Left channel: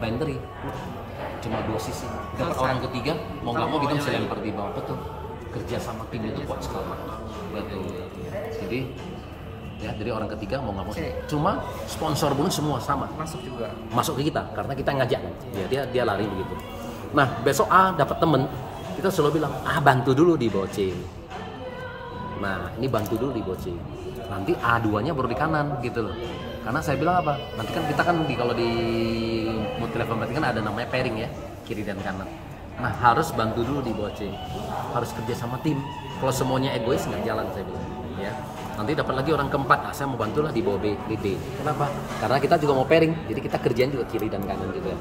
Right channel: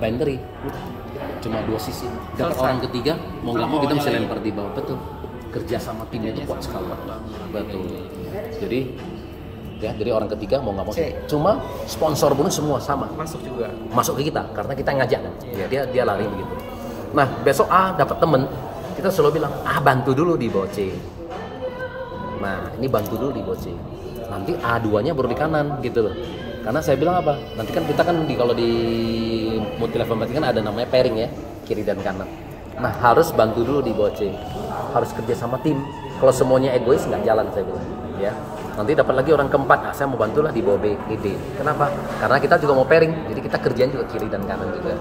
binary, udah cuma dua sisi. Dapat orang ketiga, mau nggak mau kita mesti lempar di bawah. Betul, kerja sama timnya itu kuat sekali. Betul. Jadi orang ketiga mau nggak mau. Cuma sponsor pun semua sama. Masuk ke kita karena kita ngajak kan. Ya dia lari begitu. Nah besok A dapat temen, kita selalu bilang bantu dulu di bawah C. Nah ini bantu dulu di bawah C. Nanti A2-nya baru di kanan gitu loh. Karena saya bilang apa? Nanti kan kita kan kalau di multi level marketing kan ada namanya pairing ya, kiri dan kanan. Nah harus bantu dulu di bawah C. Harus kerja sama tim. Kalau semuanya egois nggak jalan saya bilang. Ya. Nanti dapat lagi orang keempat, saya mau bantulah di bawah B, di D. Kenapa? Karena kita juga mau pairing, jadi kita kerjaan juga kiri dan kanan juga.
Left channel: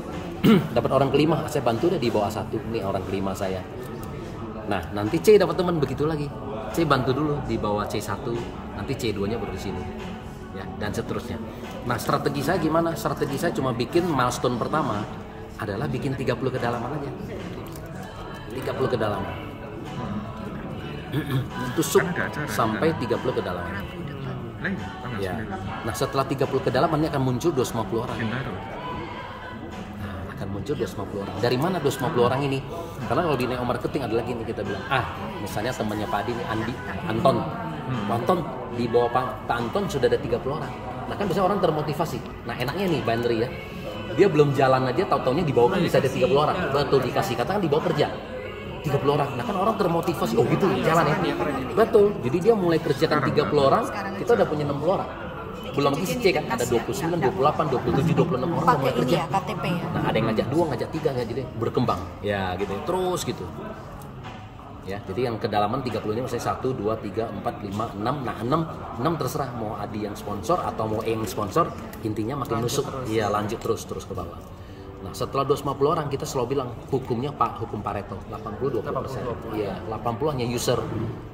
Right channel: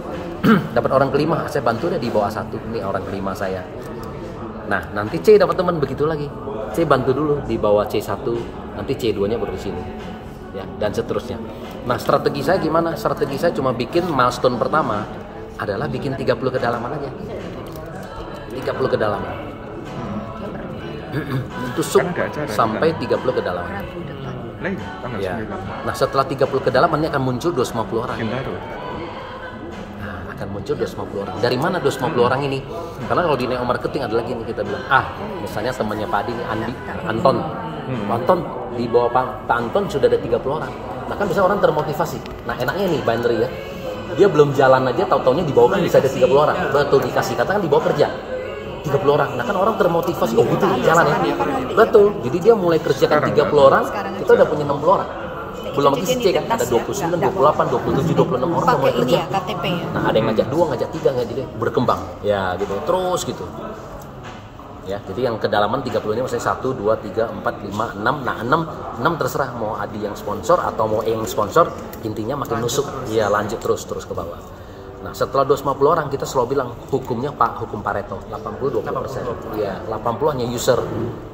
Dapat orang kelima, saya bantu deh di bawah A1, ini orang kelima saya. Nah, nanti C dapat teman begitu lagi. C bantu dulu di bawah C1, nanti C2-nya baru di sini. Ya, dan seterusnya. Nah, strategi saya gimana? Strategi saya cuma bikin milestone pertama adalah bikin 30 kedalaman aja. 30 kedalaman. Tusuk sampai 30 kedalaman. Ya. Nah setelah 30 kedalaman ini akan muncul 250 orang. Nah akan muncul 250 orang. Dari mana 250 orang ini? Karena kalau di neo marketing ada lagi nih kita bilang misalnya temannya Pak Adi nih Anton. Anton di bawah Pak Anton sudah ada 30 orang. Nah kan bisa orang termotivasi. Nah enaknya nih binary ya. Dia belum jalan aja tahu-taunya di bawah kan bisa ada 30 orang. Betul dikasih katakan di bawah kerja. 30 orang, nah kan orang termotivasi, gitu jalan ya, betul, jadi dia mulai kerjakan 30 orang, kita udah punya 60 orang, belum lagi si C kan, ada 29, 28, 27, 26 orang udah mulai kerja, nah ada yang ngajak 2, ngajak 3, ngajak dia berkembang, ya gitu, terus gitu, ya, jadi yang kedalaman 30 ini maksudnya 1, 2, 3, 4, 5, 6, nah 6 terserah, mau Adi yang sponsor atau mau E yang sponsor, intinya makin nusuk, ya lanjut terus ke bawah. Nah setelah 250 orang kita selalu bilang hukumnya hukum Pareto 80-20%. Iya 80 hanya user.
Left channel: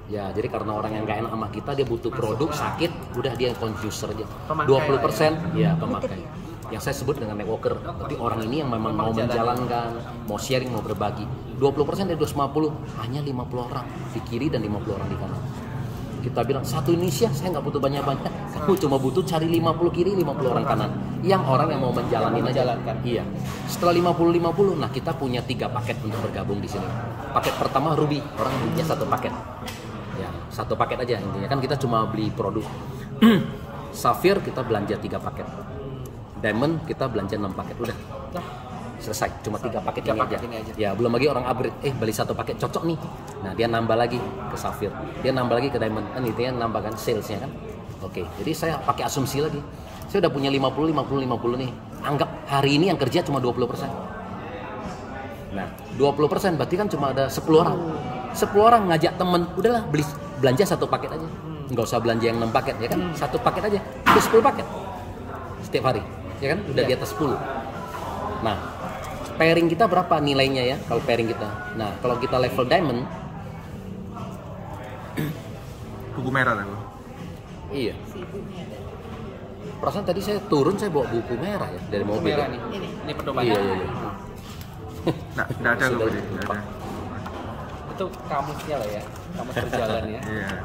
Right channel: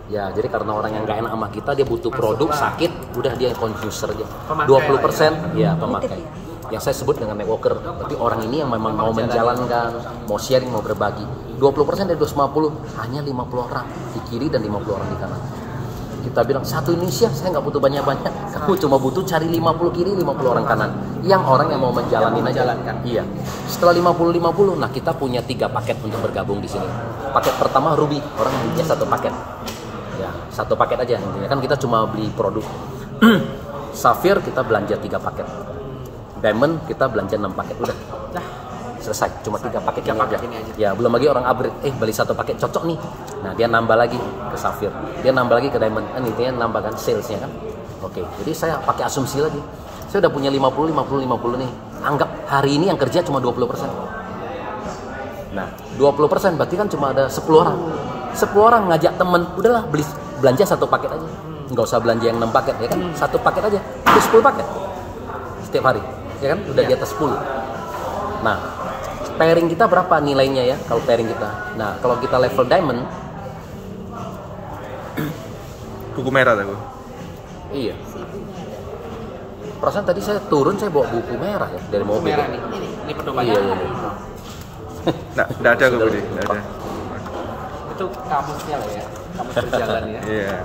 Ya jadi karena orang yang nggak enak sama kita dia butuh produk sakit, udah dia user aja. 20% ya pemakai. Yang saya sebut dengan networker. Berarti orang ini yang memang mau menjalankan, mau sharing, mau berbagi. 20% dari 250 hanya 50 orang di kiri dan 50 orang di kanan. Kita bilang satu Indonesia saya nggak butuh banyak-banyak, kamu cuma butuh cari 50 kiri 50 orang kanan, yang orang yang mau menjalani aja. Iya. Setelah 50, nah kita punya 3 paket untuk bergabung di sini. Paket pertama Ruby, orang belinya 1 paket. Ya, 1 paket aja intinya kan kita cuma beli produk. Sapphire kita belanja 3 paket. Diamond kita belanja 6 paket udah. Selesai, cuma 3 paket yang aja. Ya, belum lagi orang upgrade, beli 1 paket cocok nih. Nah, dia nambah lagi ke Sapphire. Dia nambah lagi ke Diamond. Ini dia nambahkan salesnya kan. Oke, jadi saya pakai asumsi lagi. Saya udah punya 50 nih. Anggap hari ini yang kerja cuma 20%. Nah, 20% berarti kan cuma ada 10 orang. 10 orang ngajak temen, udahlah belanja 1 paket aja. Nggak usah belanja yang 6 paket, ya kan? 1 paket aja, udah 10 paket. Setiap hari, ya kan? Udah di atas 10. Nah, pairing kita berapa nilainya ya kalau pairing kita? Nah kalau kita level diamond, buku merah aku. Iya. Perasaan tadi saya turun saya bawa buku merah ya dari mobil. Merah nih. Ini pedomannya. Iya. Nah, tidak ada aku beli. Itu kamusnya lah ya, kamus berjalan ya. Iya.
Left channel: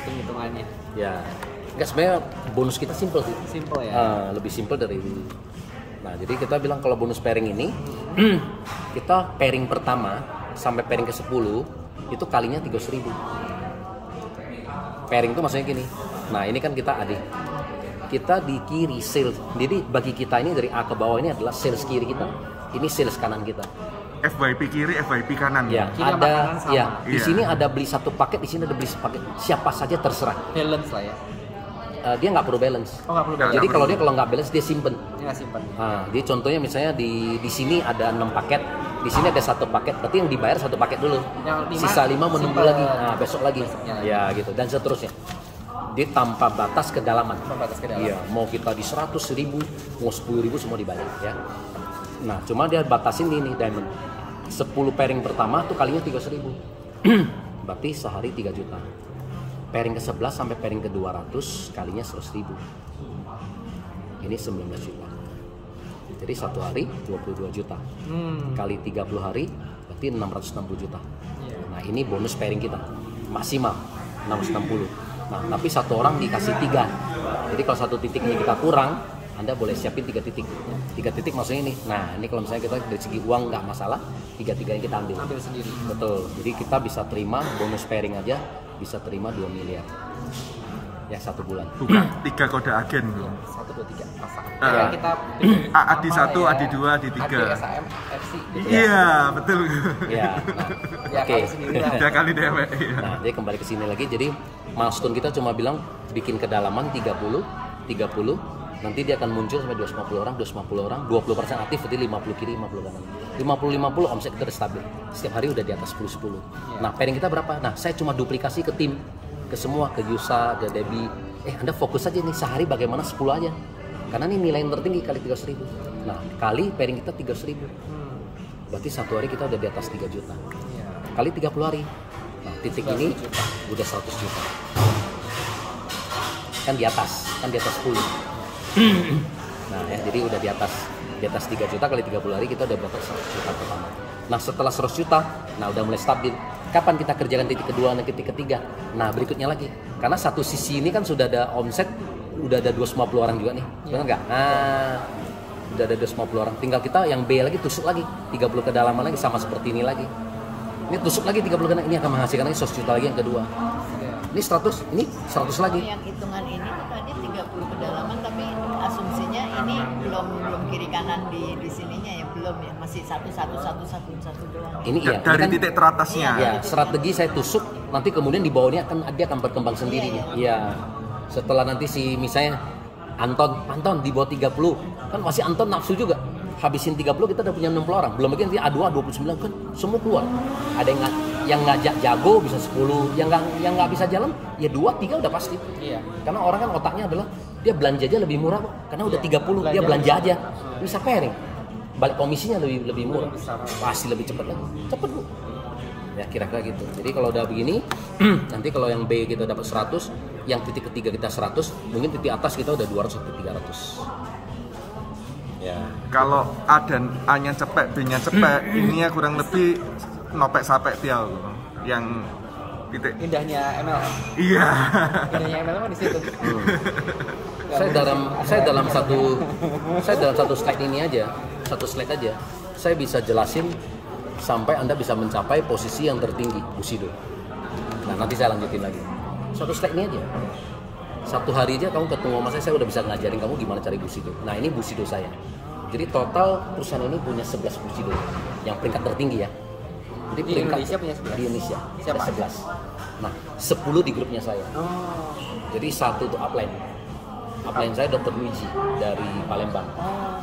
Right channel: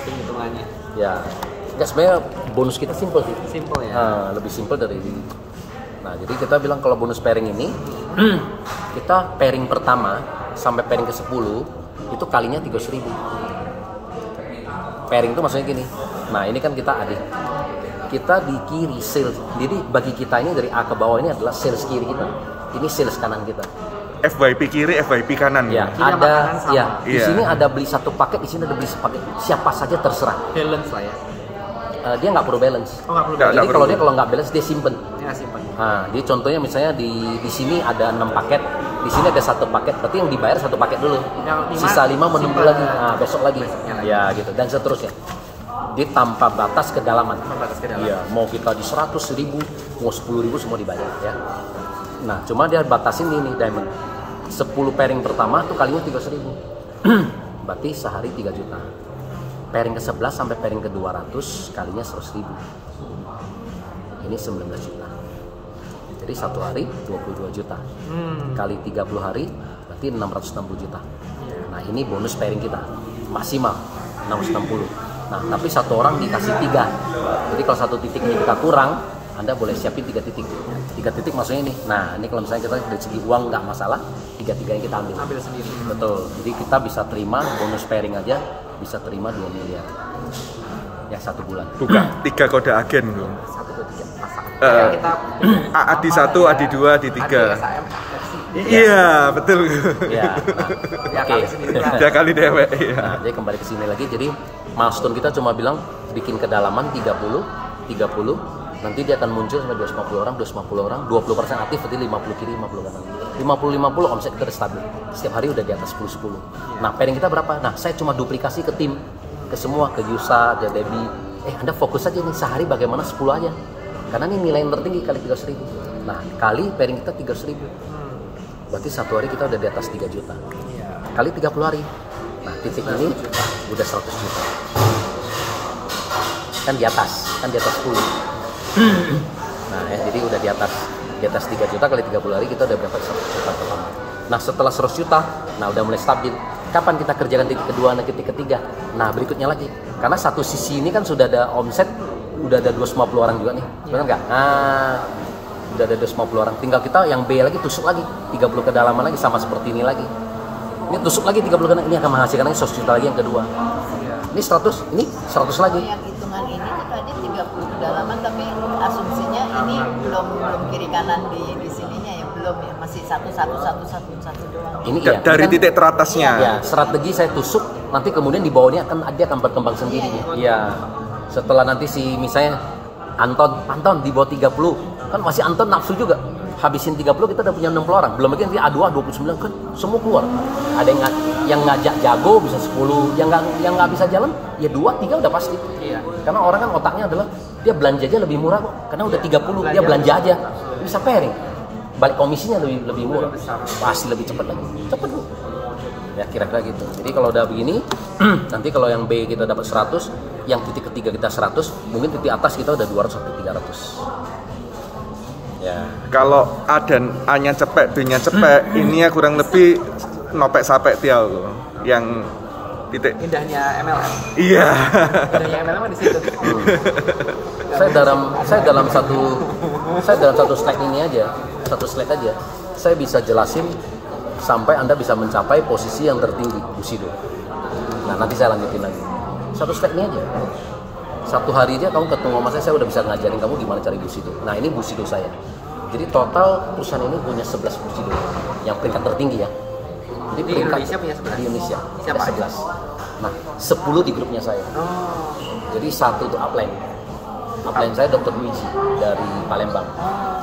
Itu hitungannya. Ya. Enggak sebenarnya bonus kita simple sih. Simple ya. Lebih simple dari. Nah, jadi kita bilang kalau bonus pairing ini kita pairing pertama sampai pairing ke-10 itu kalinya 300.000. Pairing itu maksudnya gini. Nah, ini kan kita adik. Kita di kiri sales. Jadi bagi kita ini dari A ke bawah ini adalah sales kiri kita. Ini sales kanan kita. FYP kiri, FYP kanan. Ya, kiri ada ya. Di Iya. sini ada beli 1 paket, di sini ada beli 1 paket. Siapa saja terserah. Balance lah ya. Dia nggak perlu balance. Oh, nggak perlu Jadi nggak kalau perlu. dia kalau nggak balance dia simpen. Ya simpan. Nah, jadi contohnya misalnya di sini ada 6 paket, di sini ada 1 paket, berarti yang dibayar 1 paket dulu. Yang 5, Sisa 5 menunggu simpan. lagi. Nah, besok lagi. Besoknya lagi. Ya, gitu dan seterusnya. Dia tanpa batas kedalaman. Batas kedalaman. Iya, mau kita di 100.000, mau 10.000 semua dibayar ya. Nah, cuma dia batasin ini diamond. 10 pairing pertama tuh kalinya 300.000. Berarti sehari 3 juta. Pairing ke-11 sampai pairing ke-200 kalinya 100.000. Ini 19 juta. Jadi 1 hari 22 juta. Kali 30 hari berarti 660 juta. Nah, ini bonus pairing kita. Maksimal 660. Nah, tapi 1 orang dikasih 3. Jadi kalau 1 titik ini kita kurang, Anda boleh siapin 3 titik. 3 titik maksudnya ini. Nah, ini kalau misalnya kita dari segi uang nggak masalah, 3-3 yang kita ambil. Ambil sendiri. Betul. Jadi kita bisa terima bonus pairing aja, bisa terima 2 miliar. Ya 1 bulan. Bukan 3 kode agen bro. 1, 2, 3 pasang. Eh. Kita Adi 1, Adi 2, Adi 3. Adi SAM FC. Iya, betul. Ya. Nah, Ya oke. kali sendiri lah. 3 kali dewek. Iya. Nah, jadi kembali ke sini lagi. Jadi milestone kita cuma bilang bikin kedalaman 30, nanti dia akan muncul sampai 250 orang, 20% aktif, berarti 50 kiri, 50 kanan. 50 omset kita udah stabil. Setiap hari udah di atas 10. Nah, pairing kita berapa? Nah, saya cuma duplikasi ke tim, ke semua, ke Yusa, ke Debbie. Anda fokus aja nih sehari bagaimana 10 aja. Karena ini nilai yang tertinggi kali 300.000. Nah, kali pairing kita 300.000. Berarti 1 hari kita udah di atas 3 juta. Kali 30 hari. Nah, titik ini udah 100 juta. Kan di atas 10. Nah, ya, jadi udah di atas 3 juta kali 30 hari kita udah berapa 100 juta pertama. Nah, setelah 100 juta, nah udah mulai stabil. Kapan kita kerjakan titik kedua dan titik ketiga? Nah, berikutnya lagi. Karena satu sisi ini kan sudah ada omset, udah ada 250 orang juga nih. Benar nggak? Nah, udah ada 250 orang. Tinggal kita yang B lagi tusuk lagi 30 kedalaman lagi sama seperti ini lagi. Ini tusuk lagi 30 kedalaman, ini akan menghasilkan lagi 100 juta lagi yang kedua. Ini 100, ini 100 lagi. Yang hitungan ini tuh tadi 30 kedalaman, tapi asumsinya ini belum kiri kanan di sininya ya, belum ya, masih satu doang. Ini iya. Dari Ini kan, titik teratasnya. ya, strategi saya tusuk, nanti kemudian di bawahnya dia akan berkembang sendiri. Iya. Setelah nanti si misalnya Anton di bawah 30, kan masih Anton nafsu juga. Habisin 30 kita udah punya 60 orang. Belum lagi nanti A2 29 kan semua keluar. Ada yang ngajak jago bisa 10, yang nggak bisa jalan ya 2 3 udah pasti. Iya. Karena orang kan otaknya adalah dia belanja aja lebih murah kok. Karena udah 30 dia belanja aja. Bisa pairing. Balik komisinya lebih murah. Pasti lebih cepat lagi. Cepet Bu. Ya kira-kira gitu. Jadi kalau udah begini, nanti kalau yang B kita dapat 100, yang titik ketiga kita 100, mungkin titik atas kita udah 200 sampai 300. Ya. Kalau A dan A-nya cepet, B-nya cepet, ini ya kurang lebih nopek sapek tial loh. Yang titik. Indahnya MLM. Iya. Indahnya MLM kan di situ. Saya dalam satu slide ini aja, saya bisa jelasin sampai Anda bisa mencapai posisi yang tertinggi Bushido. Nah, nanti saya lanjutin lagi. Satu slide ini aja. Satu hari aja kamu ketemu sama saya udah bisa ngajarin kamu gimana cari Bushido. Nah, ini Bushido saya. Jadi total perusahaan ini punya 11 Bushido yang peringkat tertinggi ya. Jadi Di Indonesia punya 11? Di Indonesia Siapa ada 11. Nah, 10 di grupnya saya. Oh. Jadi 1 itu upline. Upline saya Dr. Luigi dari Palembang.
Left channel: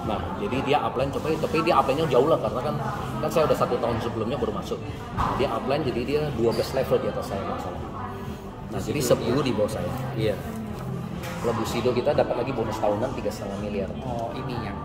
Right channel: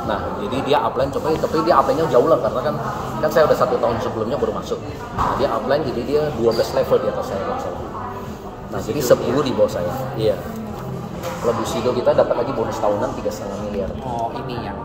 Nah, jadi dia upline tapi dia upline-nya jauh lah karena kan saya udah 1 tahun sebelumnya baru masuk. Nah, dia upline jadi dia 12 level di atas saya masalah. Nah, jadi 10 di bawah saya. Iya. Kalau Bushido kita dapat lagi bonus tahunan 3,5 miliar. Oh, ini yang